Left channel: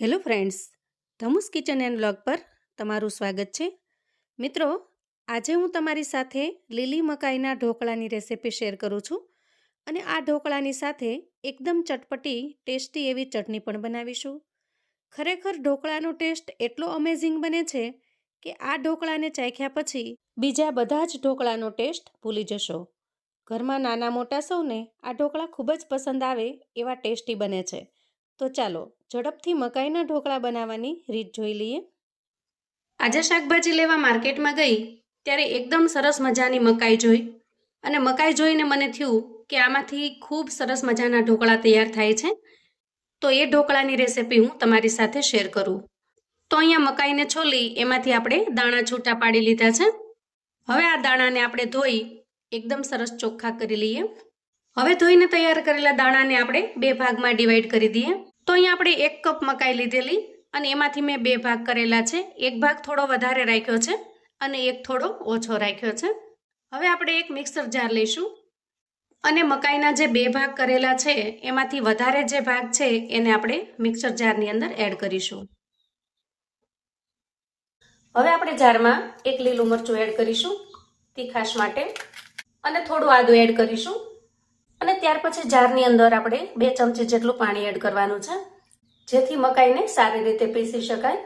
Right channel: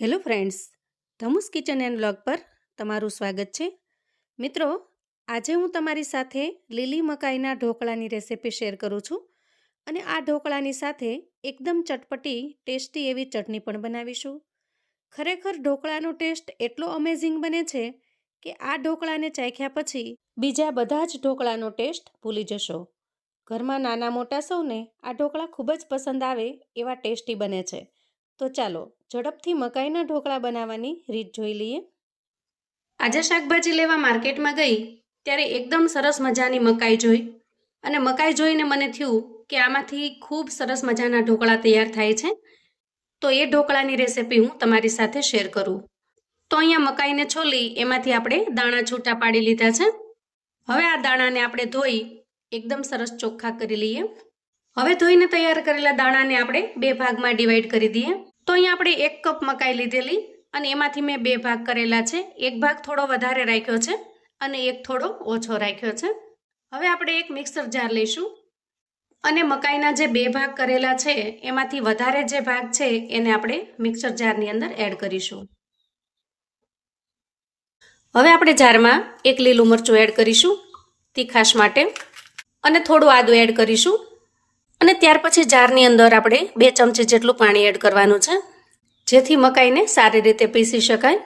Hello friends, Dhamu's kitchen and vlog પર તમારું સ્વાગત છે. મિત્રો, આજે હું તમારી સાથે લીલી મકાઈના ઢોકળાની રેસિપી શેર કરું છું અને આ ઢોકળાની સાથે એકદમ ચટપટી ટેસ્ટી એવી ચટણી પણ બનાવીશું. ખરેખર ઢોકળાનો ટેસ્ટ એટલો અમેઝિંગ બને છે કે આ ઢોકળાને ચાખ્યા પછી બીજા બધા જ ઢોકળાનો ટેસ્ટ ભૂલી જશો. ઘરમાં નાના મોટા સૌને આ ઢોકળા ખૂબ જ પસંદ આવે એવા ટેસ્ટી બને છે. તો ચાલો ઝડપથી મકાઈના ઢોકળા બનાવવાની રીત જોઈ લઈએ. આજે શાકભાજી લેવા માર્કેટમાં ગઈ ત્યારે એકદમ સરસ મજાની મકાઈ જોઈ અને મકાઈ જોઈને મને થયું કે આમાંથી ખૂબ સરસ મજાના ઢોકળા તૈયાર થાય છે. તો એ ઢોકળાની રેસિપી હું તમારી સાથે શેર કરું. તો અહીંયા મકાઈને છોલી એમાંથી આપણે દાણા છૂટા પાડી લીધા છે. હવે આ દાણાને આપણે ધોઈ એકદમ સરસ ચોખ્ખા કરી લઈએ. હવે ધોઈને તૈયાર કરેલા દાણાને આપણે બે ભાગમાં ડિવાઈડ કરી દઈએ. તો અહીંયા આપણે 1 કપ મકાઈ લીધેલી અને એમાંથી મેં 2 ભાગ કરેલા છે. એક ભાગ થોડો વધારે રાખ્યો છે અને એક થોડો ઓછો રાખ્યો છે. હવે આપણે એક મિક્સર જાર લઈશું અને મકાઈના જે 2 ભાગ કરેલા છે એમાંથી વધારે જે ભાગ છે એને આપણે મિક્સર જારની અંદર એડ કરીશું. હવે આપણે જારમાં 1 લીલું મરચું એડ કરીશું તીખાશ માટે અને થોડું આદું એડ કરીશું અને ત્યાર પછી જારની અંદર આપણે 2 ચમચી જેટલું પાણી એડ કરવાનું છે જેથી મકાઈને સારી રીતે પીસી શકાય.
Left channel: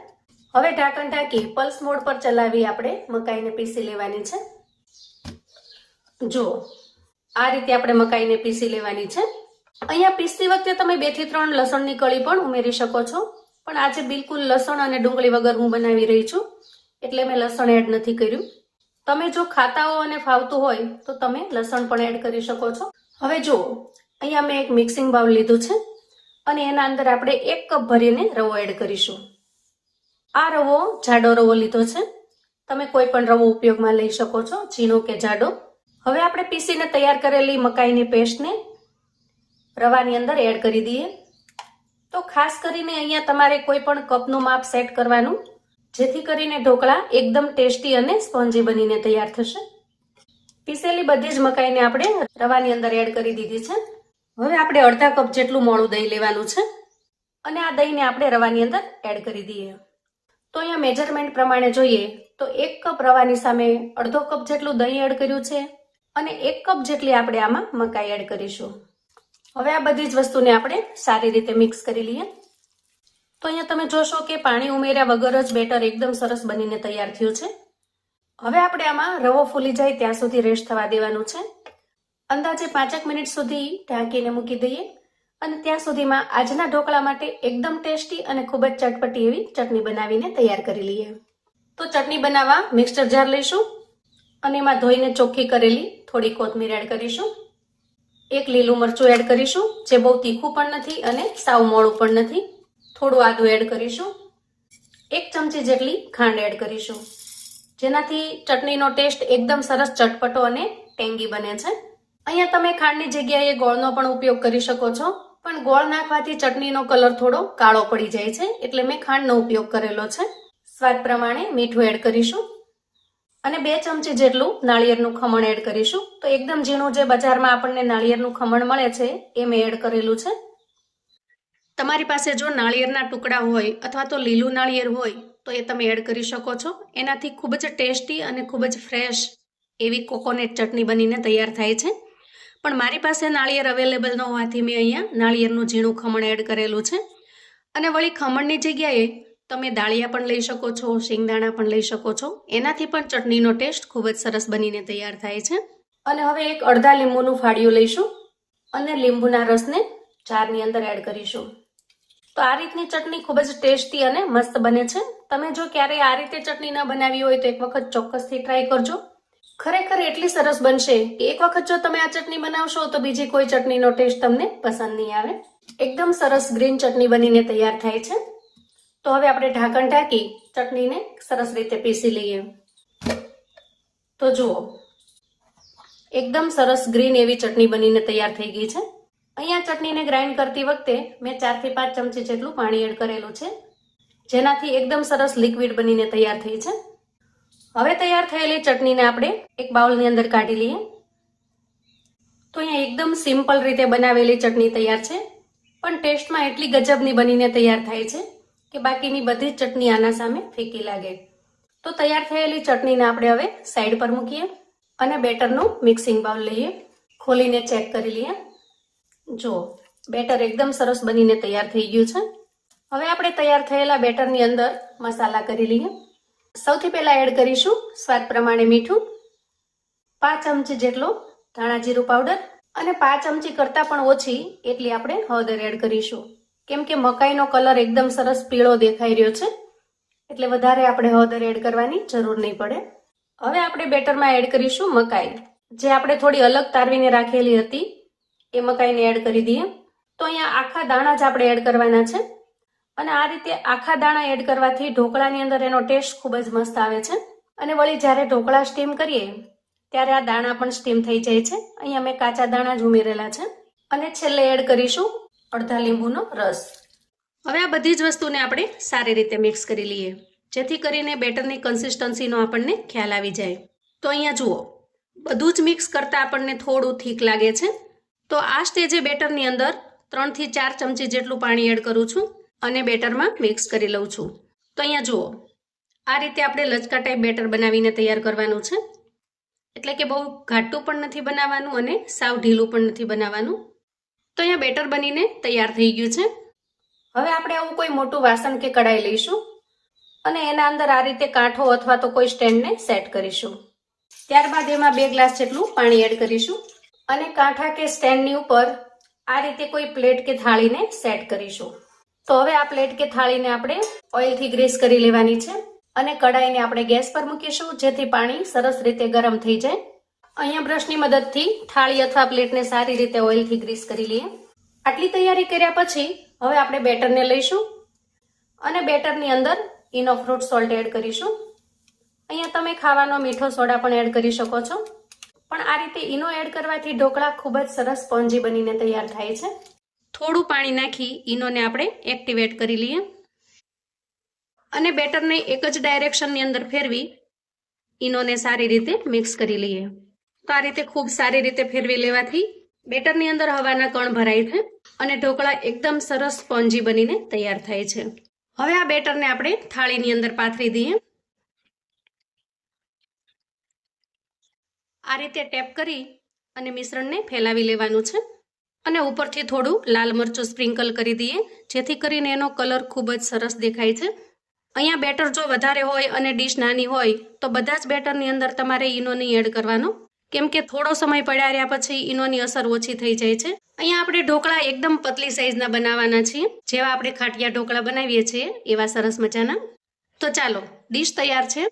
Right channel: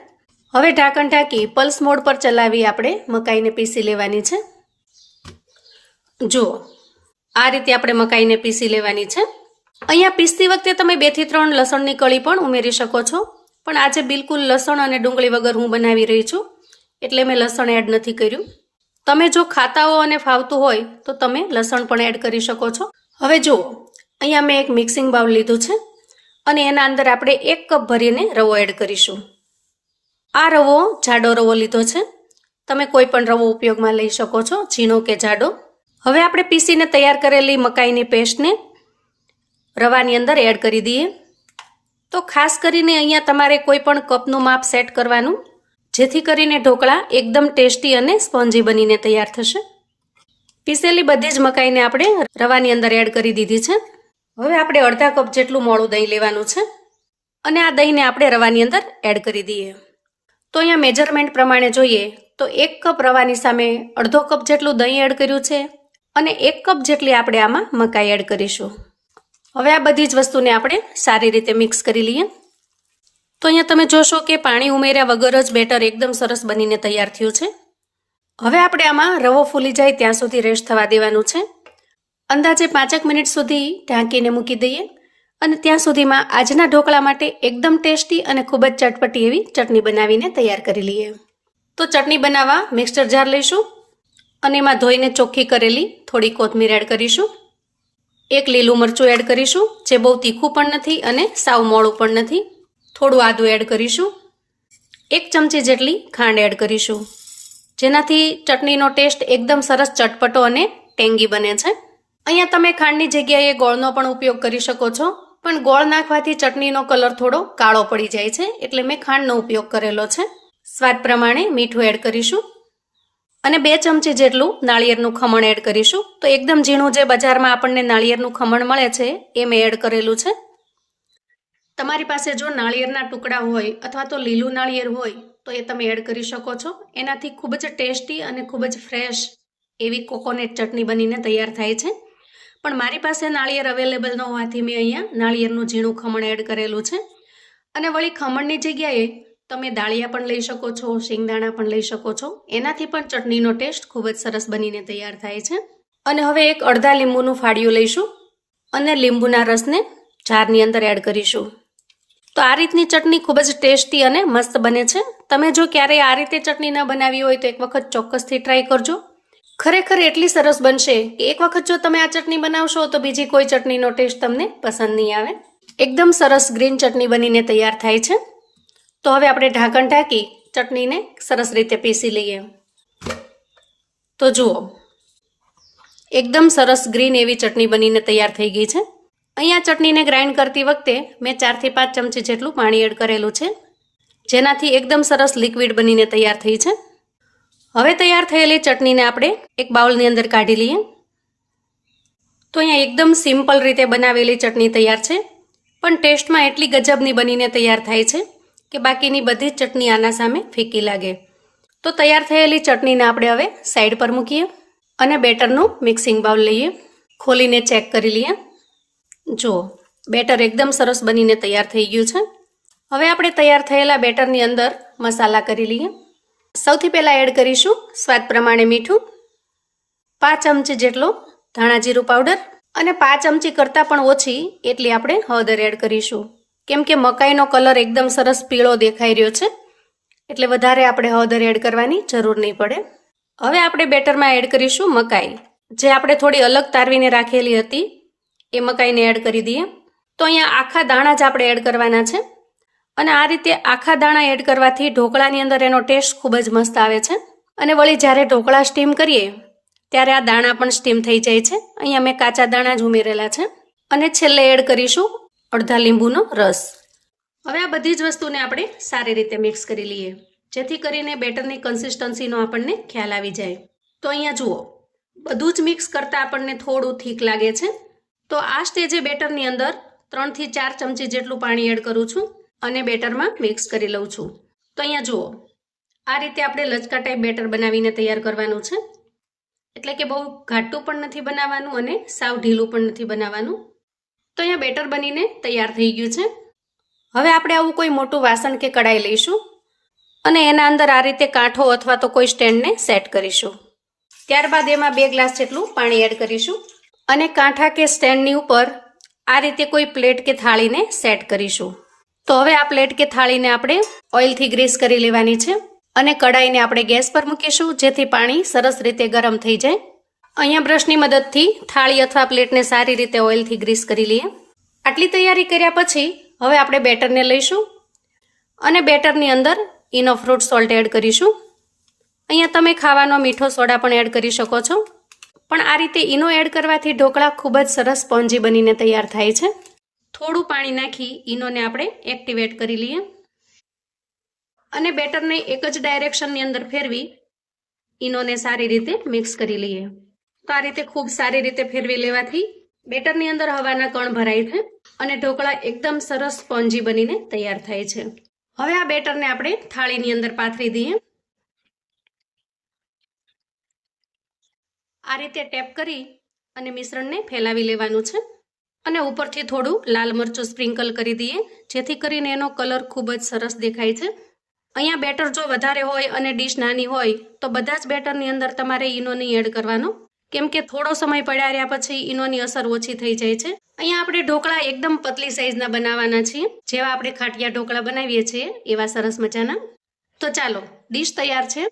હવે ઢાંકણ ઢાંકી પલ્સ મોડ પર ચલાવી આપણે મકાઈને પીસી લેવાની છે. જુઓ, આ રીતે આપણે મકાઈને પીસી લેવાની છે. અહીંયા પીસતી વખતે તમે 2 થી 3 લસણની કળી પણ ઉમેરી શકો છો, પણ આજે બિલકુલ લસણ અને ડુંગળી વગર હું બનાવી રહી છું એટલે મેં લસણ એડ નથી કર્યું. તમે જો ખાતા હો અને ફાવતું હોય તો તમે લસણ પણ એડ કરી શકો છો. હવે જુઓ, અહીંયા મેં એક મિક્સિંગ બાઉલ લીધું છે અને એના અંદર આપણે 1 કપ ભરીને રવો એડ કરીશું. આ રવો જાડો રવો લીધો છે. તમે કોઈ પણ રવો ઉપયોગમાં લઈ શકો છો, ઝીણો કે જાડો. હવે આપણે પીસીને તૈયાર કરેલી મકાઈની પેસ્ટને રવાની અંદર એડ કરી દઈએ. તો ખાસ કરીને અહીંયા તમારે કોઈ પણ કપનું માપ સેટ કરવાનું જેથી કરીને ઢોકળા એકદમ ટેસ્ટી અને સ્પોન્જી બનીને તૈયાર થશે. પીસેલી બધી જ મકાઈને આપણે રવાની અંદર એડ કરી દીધી છે. હવે આપણે અડધા કપ જેટલું મોળું દહીં લેવાનું છે અને આ દહીંને આપણે રવાની અંદર એડ કરી દઈએ. તો અહીંયા મેજરમેન્ટ પ્રમાણે જોઈએ તો 1 કપ રવાની સામે અડધો કપ જેટલું દહીં એડ કર્યું છે અને 1 કપ જેટલી આપણે આમાં મકાઈ એડ કરીશું. હવે આ બધી જ વસ્તુને આપણે સારી રીતે મિક્સ કરી લઈએ. તો અહીંયા તમે જોશો કે પાણી ઉમેર્યા વગર જ બેટર એકદમ સરસ બનીને તૈયાર થયું છે. હવે આપણે આમાં રવો ફૂલી જાય ત્યાં સુધી રેસ્ટ થવા દેવાનું છે. અંદાજે 5 મિનિટ સુધી ઢાંકીને મૂકી દઈએ અને ત્યાં સુધીમાં આજના ઢોકળા માટે એકદમ ટેસ્ટી અને ખૂબ જ ચટપટી એવી ચટણી બનાવીને તૈયાર કરી લઈએ. તો ચટણી બનાવવા મિક્સર જાર લઈશું અને એમાં ધોઈને ચોખ્ખી કરેલી થોડી કોથમીર એડ કરીશું. 1 લીલું મરચું એડ કરીશું જે બહુ તીખું પણ નથી અને સાવ મોળું પણ નથી. થોડું આદું એડ કરીશું. 1 ચમચી જેટલી ખાંડ એડ કરીશું જેનાથી ચટણીનો ટેસ્ટ એકદમ સરસ ચટપટો અને ટેંગી બને છે. અહીંયા તમે ખાંડની જગ્યાએ ગોળનો પણ ઉપયોગ કરી શકો છો, પણ ગોળ નાખવાથી ચટણીનો કલર થોડો કાળો પડી જાય છે એટલે મેં ખાંડનો ઉપયોગ કરેલો છે. સ્વાદ પ્રમાણે મીઠું એડ કરીશું અને 2 ચમચી જેટલું નાળિયેરનું ખમણ એડ કરીશું. તો એકદમ ઝીણું જે બજારમાં આપણને નાળિયેરનું ખમણ મળે છે એ મેં એડ કરેલું છે. તમારી પાસે જો નાળિયેરના ટુકડા હોય અથવા તો લીલું નાળિયેર હોય તો એ તમે એડ કરી શકો છો. એનાથી ખૂબ જ ટેસ્ટી અને ખૂબ જ ફ્રેશ એવી કોકોનટ ચટણી બનીને તૈયાર થાય છે. પણ મારી પાસે નાળિયેર અવેલેબલ ન હોવાથી મેં અહીંયા નાળિયેરનું ઝીણું ખમણ એડ કરેલું છે. અને વળી ખમણની જગ્યાએ તમે દાળિયા પણ લઈ શકો છો, શિંગદાણા પણ લઈ શકો છો. એનાથી પણ ચટણીનો ટેસ્ટ ખૂબ જ સરસ બનીને તૈયાર થાય છે. અને હવે એક અડધા લીંબુનું ફાળિયું લઈશું અને લીંબુના રસને જારની અંદર એડ કરીશું. તો આ રીતની ચટણી ખૂબ જ ટેસ્ટી અને મસ્ત બને છે. તમે જો ક્યારેય આ રીતે ચટણી ન બનાવી હોય તો એક વખત ચોક્કસથી ટ્રાય કરજો. ખરેખર એટલી સરસ બનશે કે એક વખત જો તમે આ ચટણી બનાવશો તો બીજી કોઈ ચટણીનો ટેસ્ટ તમને પસંદ નહીં આવે. એકદમ સરસ ગ્રીન ચટણી બનીને તૈયાર થાય છે. તો હવે આપણે ઢાંકણ ઢાંકી ચટણીને સરસ રીતે પીસી લઈએ. તો જુઓ, એકદમ સરસ ગ્રીન એવી ચટણી બનીને તૈયાર થઈ ગઈ છે. અહીંયા ચટણીને ગ્રાઇન્ડ કરતી વખતે મેં 4 થી 5 ચમચી જેટલું પાણી એડ કરેલું છે જેનાથી એકદમ સરસ લિક્વિડ બનીને તૈયાર થઈ છે. હવે તૈયાર થયેલી ચટણીને આપણે એક બાઉલની અંદર કાઢી લઈએ. તો અહીંયા એકદમ સિમ્પલ રીતે બનાવેલી ચટણી તૈયાર છે, પણ ટેસ્ટમાં એટલી ગજબની બનીને તૈયાર થાય છે કે બાકીની બધી જ ચટણી આના સામે ફીકી લાગે. તો તૈયાર થયેલી ચટણીને આપણે હવે સાઈડ પર મૂકીએ અને બેટરનું મિક્સિંગ બાઉલ લઈએ. ખોલીને ચેક કરી લઈએ. જો બેટર એકદમ સરસ બનીને તૈયાર થઈ ગયું છે. હવે આપણે તૈયાર થયેલા બેટરની અંદર મસાલા કરી લઈએ. સૌથી પહેલાં એડ કરીશું સ્વાદ પ્રમાણે મીઠું, 5 ચમચી જેટલો ધાણા જીરું પાવડર અને 5 ચમચી કરતાં પણ ઓછી એટલી આપણે હળદર એડ કરીશું. કેમ કે મકાઈનો કલર એકદમ સરસ પીળો દેખાઈ રહ્યો છે એટલે વધારે આપણે હળદર એડ કરવાની જરૂર નહીં પડે. હવે આપણે બેટરમાં એડ કરીશું મકાઈ, જે આપણે થોડી અલગ તારવીને રાખેલી હતી એ મકાઈને એડ કરી દઈએ. તો અહીંયા આખા દાણા જ આપણે એડ કરવાના છે અને આ રીતે આખા દાણા એડ કરવાથી ઢોકળાની અંદર એનો ટેસ્ટ ખૂબ જ મસ્ત આવે છે. અને વળી જ્યારે ઢોકળા સ્ટીમ કરીએ ત્યારે આ દાણા પણ સ્ટીમ થઈ જાય છે. અહીંયા મેં કાચા દાણા જ ઉમેરેલા છે. અને છેલ્લે એડ કરીશું અડધા લીંબુનો રસ. હવે આ બધી જ વસ્તુને આપણે સારી રીતે મિક્સ કરી લઈએ, જેથી કરીને બેટરની કન્સિસ્ટન્સીનો આપણને ખ્યાલ આવી જાય. તો અહીંયા જુઓ, બધું જ મિક્સ કરતાં આપણને થોડું થીક લાગે છે. તો આ સ્ટેજે બેટરની અંદર 3 થી 4 ચમચી જેટલું પાણી એડ કરું છું અને બેટરમાં મિક્સ કરી લઉં છું. તો અહીંયા જુઓ, આ રીતે આપણે લચકા ટાઈપ બેટર બનાવીને તૈયાર કરવાનું છે. એટલે કે બહુ ઘાટું પણ નથી બનાવવાનું અને સાવ ઢીલું પણ નથી બનાવવાનું. તો અહીંયા બેટર બનીને તૈયાર થઈ ગયું છે. હવે આપણે આવું કોઈ મોટું વાસણ કે કઢાઈ લઈશું અને એના અંદર આ રીતે કાંઠો અથવા તો કોઈ સ્ટેન્ડને સેટ કરીશું. ત્યારબાદ એમાં 2 ગ્લાસ જેટલું પાણી એડ કરીશું અને કાંઠા કે સ્ટેન્ડની ઉપર આ રીતે કોઈ પ્લેટ કે થાળીને સેટ કરીશું. તો હવે આ પ્લેટ કે થાળીને આપણે ઓઇલથી ગ્રીસ કરી લેવાની છે અને કઢાઈને આપણે ગેસ પર મૂકીશું, જેથી પાણી સરસ રીતે ગરમ થઈ જાય. અહીંયા બ્રશની મદદથી થાળી અથવા પ્લેટને સારી રીતે ઓઇલથી ગ્રીસ કરી લઈએ. આટલી તૈયારી કર્યા પછી હવે આપણે બેટરને લઈશું અને બેટરની અંદર ઇનો ફ્રૂટ સોલ્ટ એડ કરીશું. અહીંયા તમે ખાવાનો મીઠો સોડા પણ એડ કરી શકો છો, પણ આ રીતે ઇનો એડ કરવાથી ઢોકળા ખૂબ જ સરસ સ્પોન્જી બનીને તૈયાર થાય છે. થોડું પાણી નાખી ઇનોને આપણે એક્ટિવેટ કરી લઈએ અને બેટરને એક જ ડાયરેક્શનની અંદર ફેરવી ઇનોને સારી રીતે મિક્સ કરી લઈએ. તો આ રીતે ખૂબ સારી રીતે ફેરવી લેવાથી બેટરની અંદર હવાના કણ ભરાય છે અને ઢોકળા એકદમ સરસ સ્પોન્જી બનીને તૈયાર થાય છે. હવે આ બેટરને આપણે થાળીની અંદર પાથરી દઈએ. આ રીતે ટેપ કરી અને મિશ્રણને ફેલાવી લેવાનું છે અને ઉપરથી થોડું લાલ મરચું સ્પ્રિંકલ કરી દઈએ, જેથી કરીને એનો કલર ખૂબ જ સરસ દેખાય છે. અહીંયા બેટર જો વધારે હોય અને ડીશ નાની હોય તો બધા જ બેટરની અંદર તમારે ઈનો નહીં એડ કરવાનો, કેમ કે થોડો સમય પડ્યા રહ્યા પછી ઈનોની અસર ઓછી થઈ જાય છે. અહીંયા આપણે ઢોકળા એકદમ પતલી સાઈઝના બનાવવાના છીએ, જેવા આપણે ખાટિયા ઢોકળા બનાવીએ છીએ એવા સરસ મજાના. તો ચાલો, ડીશ તૈયાર છે.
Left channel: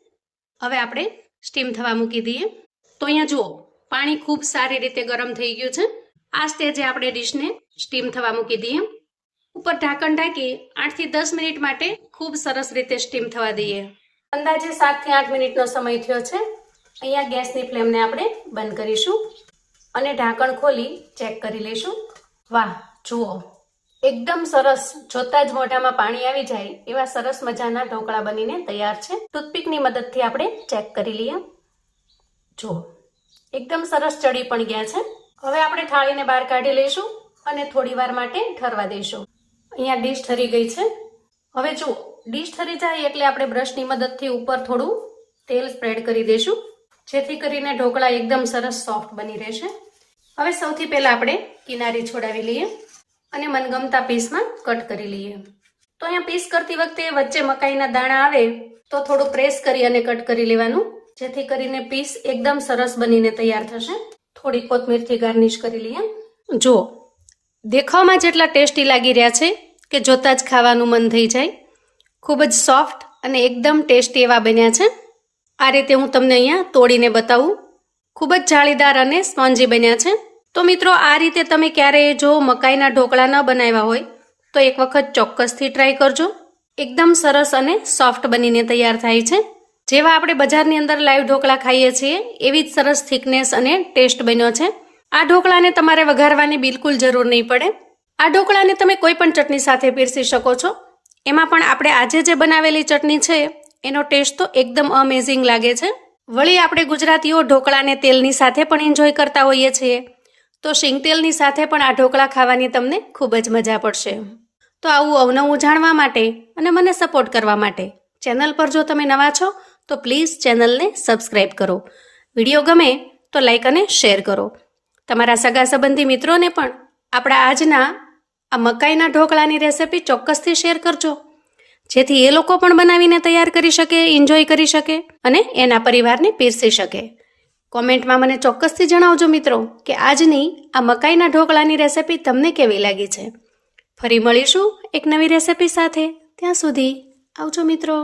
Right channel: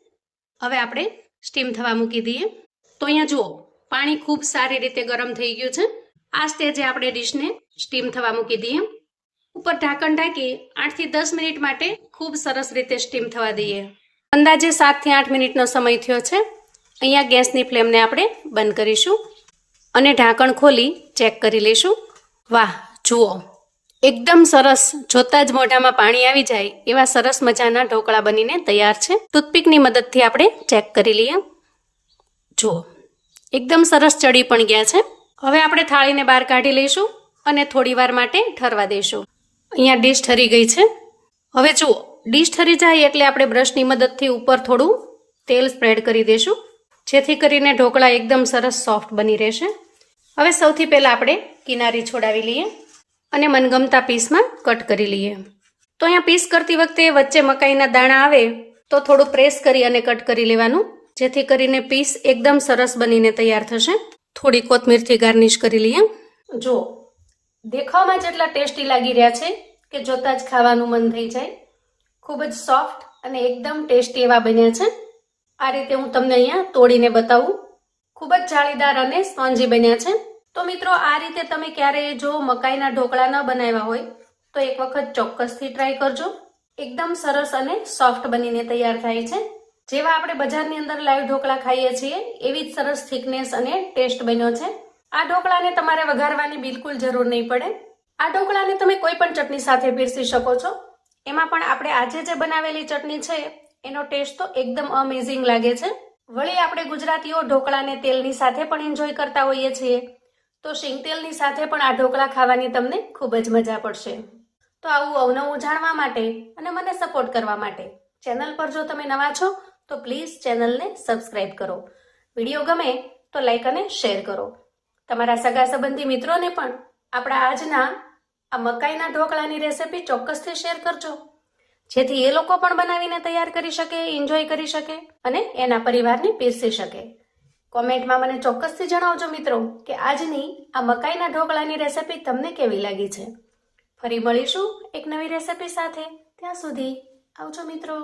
હવે આપણે સ્ટીમ થવા મૂકી દઈએ. તો અહીંયા જુઓ, પાણી ખૂબ સારી રીતે ગરમ થઈ ગયું છે. આ સ્ટેજે આપણે ડીશને સ્ટીમ થવા મૂકી દઈએ. ઉપર ઢાંકણ ઢાંકી 8 થી 10 મિનિટ માટે ખૂબ સરસ રીતે સ્ટીમ થવા દઈએ. અંદાજે 7 થી 8 મિનિટનો સમય થયો છે. અહીંયા ગેસની ફ્લેમને આપણે બંધ કરીશું અને ઢાંકણ ખોલી ચેક કરી લઈશું. વાહ, જુઓ, એકદમ સરસ, જોતા જ મોઢામાં પાણી આવી જાય એવા સરસ મજાના ઢોકળા બનીને તૈયાર છે. ટૂથપીકની મદદથી આપણે ચેક કરી લઈએ. જુઓ, એકદમ સરસ ચડી પણ ગયા છે. હવે આપણે થાળીને બહાર કાઢી લઈશું અને થોડી વાર માટે ઠરવા દઈશું. અહીંયા ડીશ ઠરી ગઈ છે. હવે જુઓ, ડીશ ઠરી જાય એટલે આપણે બ્રશની મદદથી ઉપર થોડું તેલ સ્પ્રેડ કરી દઈશું, જેથી કરીને ઢોકળા એકદમ સરસ સોફ્ટ બની રહેશે. હવે સૌથી પહેલાં આપણે કિનારી છોડાવી લઈએ અને મનગમતા પીસમાં કટ કરી લઈએ. તો અહીંયા પીસ કરતી વખતે વચ્ચે મકાઈના દાણા આવે તો થોડું પ્રેસ કરી અને કટ કરી લેવાનું, જેથી કરીને પીસ એકદમ સરસ બનીને તૈયાર થશે. થોડી કોથમીરથી ગાર્નિશ કરી લઈએ. જુઓ, દેખાવમાં જેટલા ટેસ્ટી લાગી રહ્યા છે કે જોતાં જ ખાવાનું મન થઈ જાય. ખૂબ જ સોફ્ટ અને એકદમ ટેસ્ટી એવા બન્યા છે. આ રીતે હું તમને અહીંયા તોડીને બતાવું. ખૂબ જ જાળીદાર અને સ્પોન્જી બન્યા છે. તો મિત્રો, આ રીતે તમે ક્યારેય જો મકાઈના ઢોકળા ન બનાવ્યા હોય તો એક વખત ચોક્કસથી ટ્રાય કરજો. એકદમ સરસ અને સોફ્ટ બનીને તૈયાર થાય છે. જેવા આપણે બજારની અંદર લાઈવ ઢોકળા ખાઈએ છીએ એવી જ સરસ થિકનેસ અને ટેસ્ટ બન્યો છે. આ ઢોકળાને તમારે વઘારવાની બિલકુલ જરૂર નહીં પડે. આ ઢોકળાને તમે કોઈ પણ ચટણી સાથે પીરસી શકો છો. એમાં પણ આપણે આજે જે બનાવેલી ચટણી છે એનો ટેસ્ટ તો એકદમ અમેઝિંગ લાગે છે. વળી આપણે ગુજરાતીઓ ઢોકળાને તેલની સાથે પણ એન્જોય કરતા હોઈએ છીએ, તો શીંગ તેલની સાથે પણ આ ઢોકળા ખાવાની તમને ખૂબ જ મજા પડશે. તો આવું અવનવું જાણવા માટે અને મને સપોર્ટ કરવા માટે ચેનલ પર જો તમે નવા છો તો પ્લીઝ ચેનલને સબસ્ક્રાઈબ કરો. વિડીયો ગમે તો લાઈક અને શેર કરો. તમારા સગા સંબંધી મિત્રોને પણ આપણા આજના આ મકાઈના ઢોકળાની રેસિપી ચોક્કસથી શેર કરજો, જેથી એ લોકો પણ બનાવીને તૈયાર કરી શકે, એન્જોય કરી શકે અને એના પરિવારને પીરસી શકે. કોમેન્ટમાં મને ચોક્કસથી જણાવજો મિત્રો કે આજની આ મકાઈના ઢોકળાની રેસિપી તમને કેવી લાગી છે. ફરી મળીશું એક નવી રેસિપી સાથે. ત્યાં સુધી આવજો મિત્રો.